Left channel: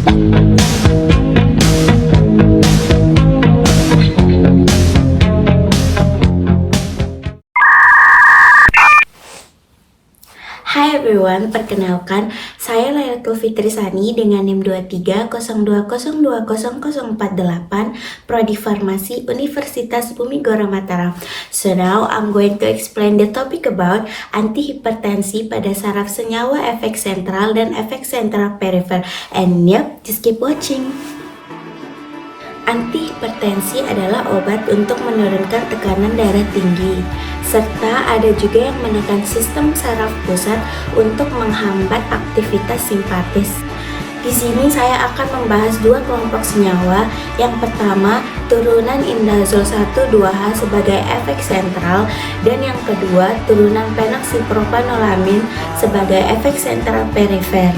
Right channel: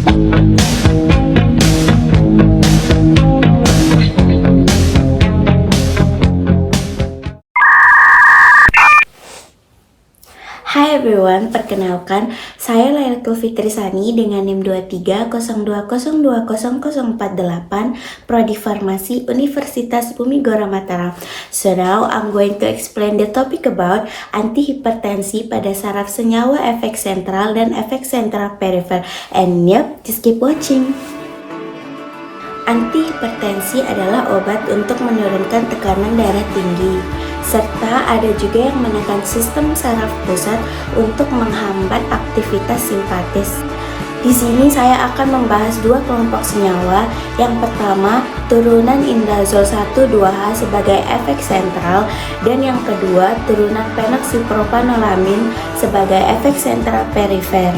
Hai everyone, perkenalkan, saya Lailatul Fitri Sani dengan NIM 2302020048, Prodi Farmasi Universitas Bumi Gora Mataram. So now I'm going to explain the topic about antihipertensi pada saraf senyawa efek sentral dan efek sentral perifer. And yep, just keep watching. Antihipertensi adalah obat untuk menurunkan tekanan darah tinggi, serta ada juga yang menekan sistem saraf pusat untuk menghambat aktivitas simpatis. Di sini saya akan membahas dua kelompok senyawa. Yang pertama, turunan indazol 1,2-H sebagai efek sentral, dan yang kedua, turunan phenoxypropanolamin sebagai efek sentral perifer.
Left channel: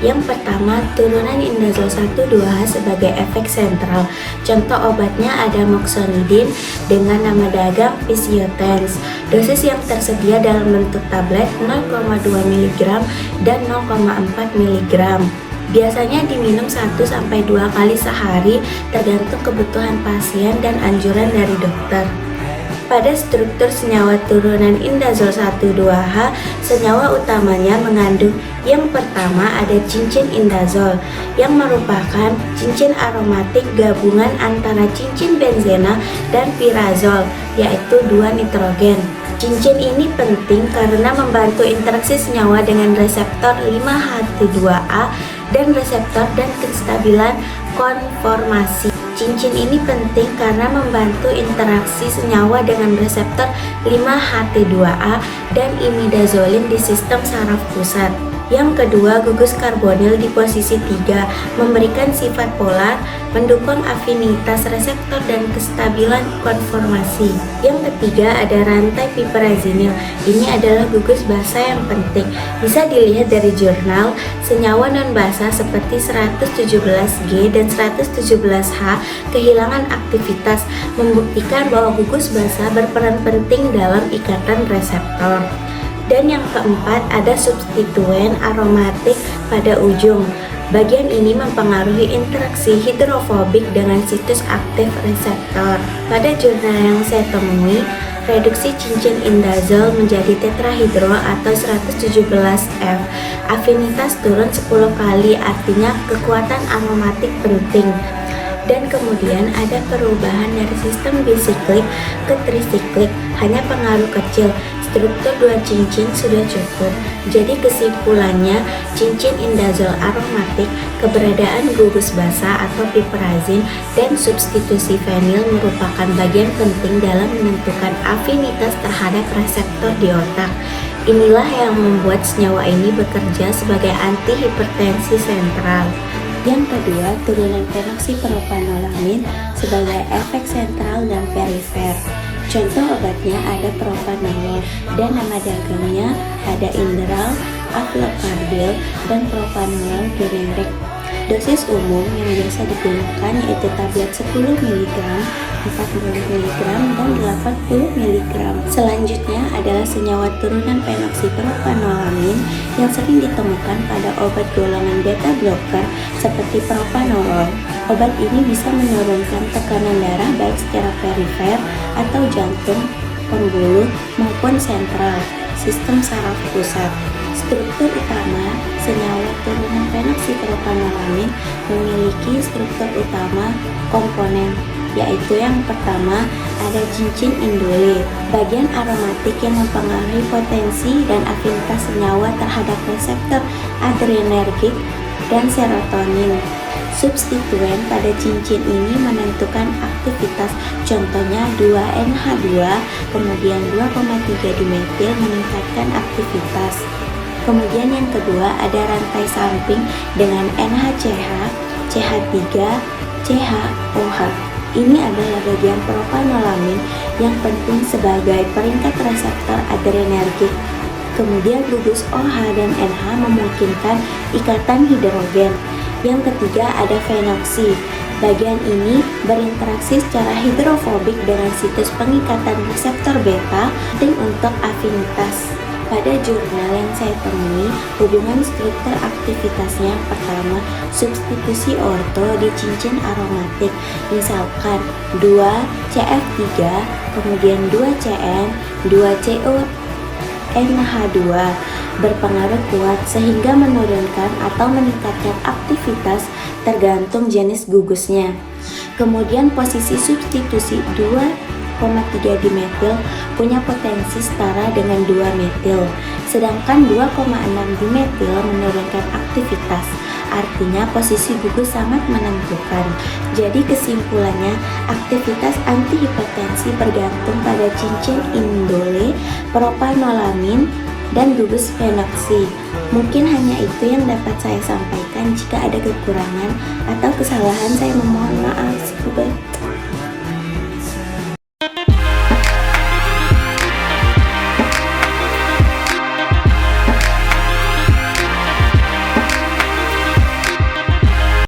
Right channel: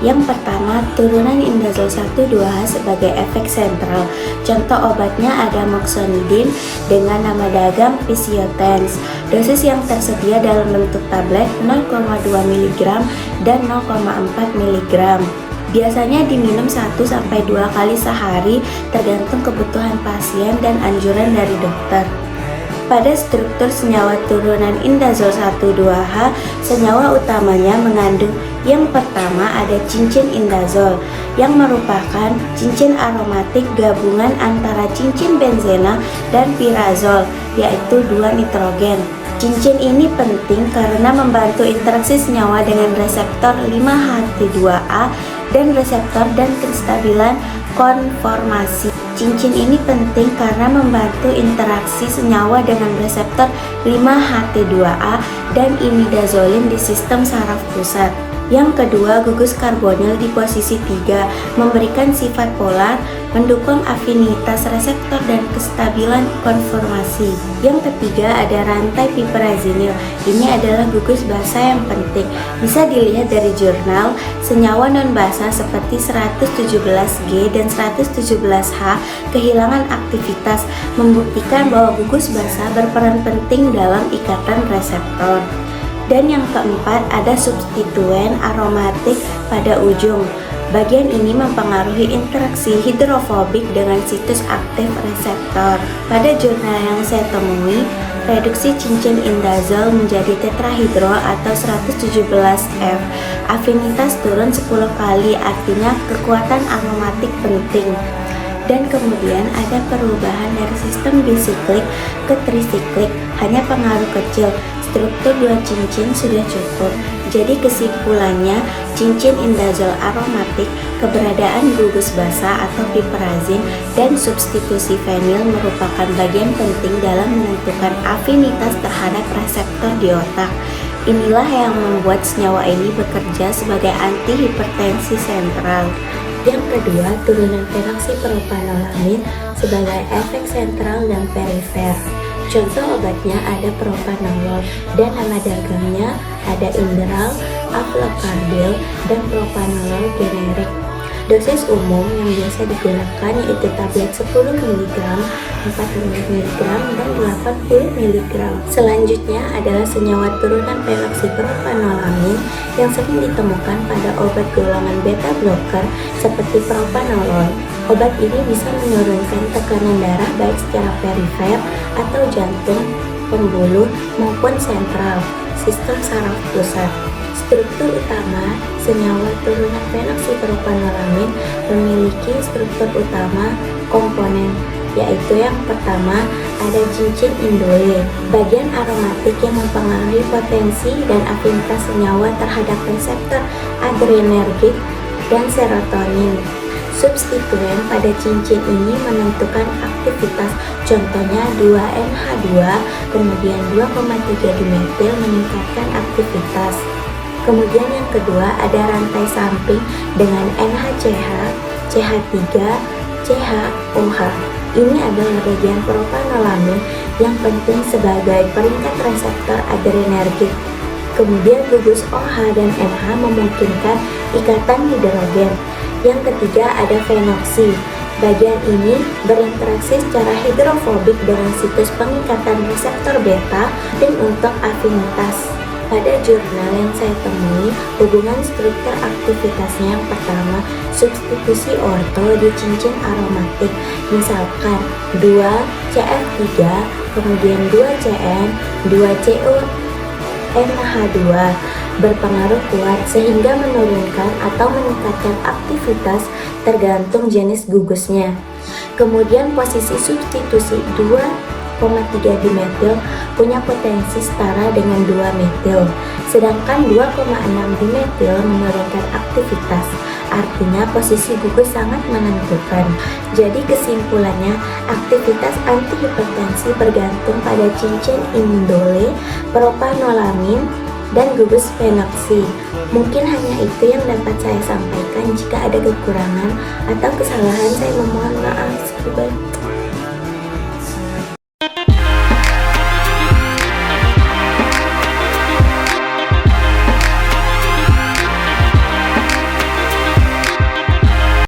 Yang pertama, turunan indazol 1,2-H sebagai efek sentral. Contoh obatnya ada moxonidin dengan nama dagang Physiotens. Dosis yang tersedia dalam bentuk tablet 0,2 mg dan 0,4 mg. Biasanya diminum 1-2 kali sehari tergantung kebutuhan pasien dan anjuran dari dokter. Pada struktur senyawa turunan indazol 1,2-H, senyawa utamanya mengandung yang pertama ada cincin indazol, yang merupakan cincin aromatik gabungan antara cincin benzena dan pirazol, yaitu 2 nitrogen. Cincin ini penting karena membantu interaksi senyawa dengan reseptor 5-HT2A dan reseptor dan kestabilan konformasi. Cincin ini penting karena membantu interaksi senyawa dengan reseptor 5-HT2A dan imidazolin di sistem saraf pusat. Yang kedua, gugus karbonil di posisi 3 memberikan sifat polar, mendukung afinitas reseptor dan kestabilan konformasi. Yang ketiga ada rantai piperazinil. Ini adalah gugus basa yang penting. Bisa dilihat dari jurnal, senyawa non-basa seperti 117G dan 117H kehilangan aktivitas, membuktikan bahwa gugus basa berperan penting dalam ikatan reseptor. Dan yang keempat ada substituen aromatik pada ujung. Bagian ini mempengaruhi interaksi hidrofobik dengan situs aktif reseptor. Pada jurnal yang saya temui, reduksi cincin indazol menjadi tetrahidrol atau 117F. Afinitas turun 10 kali, artinya kekuatan aromatik penting. Dan kemudian ada perubahan dari sistem bisiklik ke trisiklik, hanya pengaruh kecil. Struktur 2 cincin sudah cukup. Jadi kesimpulannya, cincin indazol aromatik, keberadaan gugus basa atau piperazin, dan substitusi fenil merupakan bagian penting dalam menentukan afinitas terhadap reseptor di otak. Inilah yang membuat senyawa ini bekerja sebagai antihipertensi sentral. Yang kedua, turunan phenoxypropanolamin sebagai efek sentral dan perifer. Contoh obatnya ada propanolol, dan nama dagangnya ada Inderal, Aflocarbil, dan propanolol generik. Dosis umum yang biasa digunakan yaitu tablet 10 mg, 40 mg, dan 80 mg. Selanjutnya adalah senyawa turunan phenoxypropanolamin yang sering ditemukan pada obat golongan beta blocker seperti propanolol. Obat ini bisa menurunkan tekanan darah baik secara perifer atau jantung, pembuluh, maupun sentral, sistem saraf pusat. Struktur utama senyawa turunan phenoxypropanolamin memiliki struktur utama komponen, yaitu yang pertama ada cincin indole, bagian aromatik yang mempengaruhi potensi dan afinitas senyawa terhadap reseptor adrenergik dan serotonin. Substituen pada cincin ini menentukan aktivitas, contohnya 2-NH2, kemudian 2,3 dimetil meningkatkan aktivitas. Kemudian yang kedua ada rantai samping dengan NHCH, CH3, CHOH. Ini adalah bagian propanolamin yang penting sebagai peringkat reseptor adrenergik. Kemudian gugus OH dan NH memungkinkan ikatan hidrogen. Yang ketiga ada fenoksi. Bagian ini berinteraksi secara hidrofobik dengan situs pengikatan reseptor beta dan untuk afinitas. Pada jurnal yang saya temui, hubungan struktur aktivitasnya yang pertama, substitusi orto di cincin aromatik. Misalkan 2CF3, kemudian 2CN, 2CONH2 berpengaruh kuat sehingga menurunkan atau meningkatkan aktivitas tergantung jenis gugusnya. Kemudian posisi substitusi 2,3 dimetil punya potensi setara dengan 2 metil, sedangkan 2,6 dimetil menurunkan aktivitas. Artinya posisi gugus sangat menentukan. Jadi kesimpulannya, aktivitas antihipertensi bergantung pada cincin indole, propanolamin, dan gugus fenoksi. Mungkin hanya itu yang dapat saya sampaikan. Jika ada kekurangan atau kesalahan, saya memohon maaf.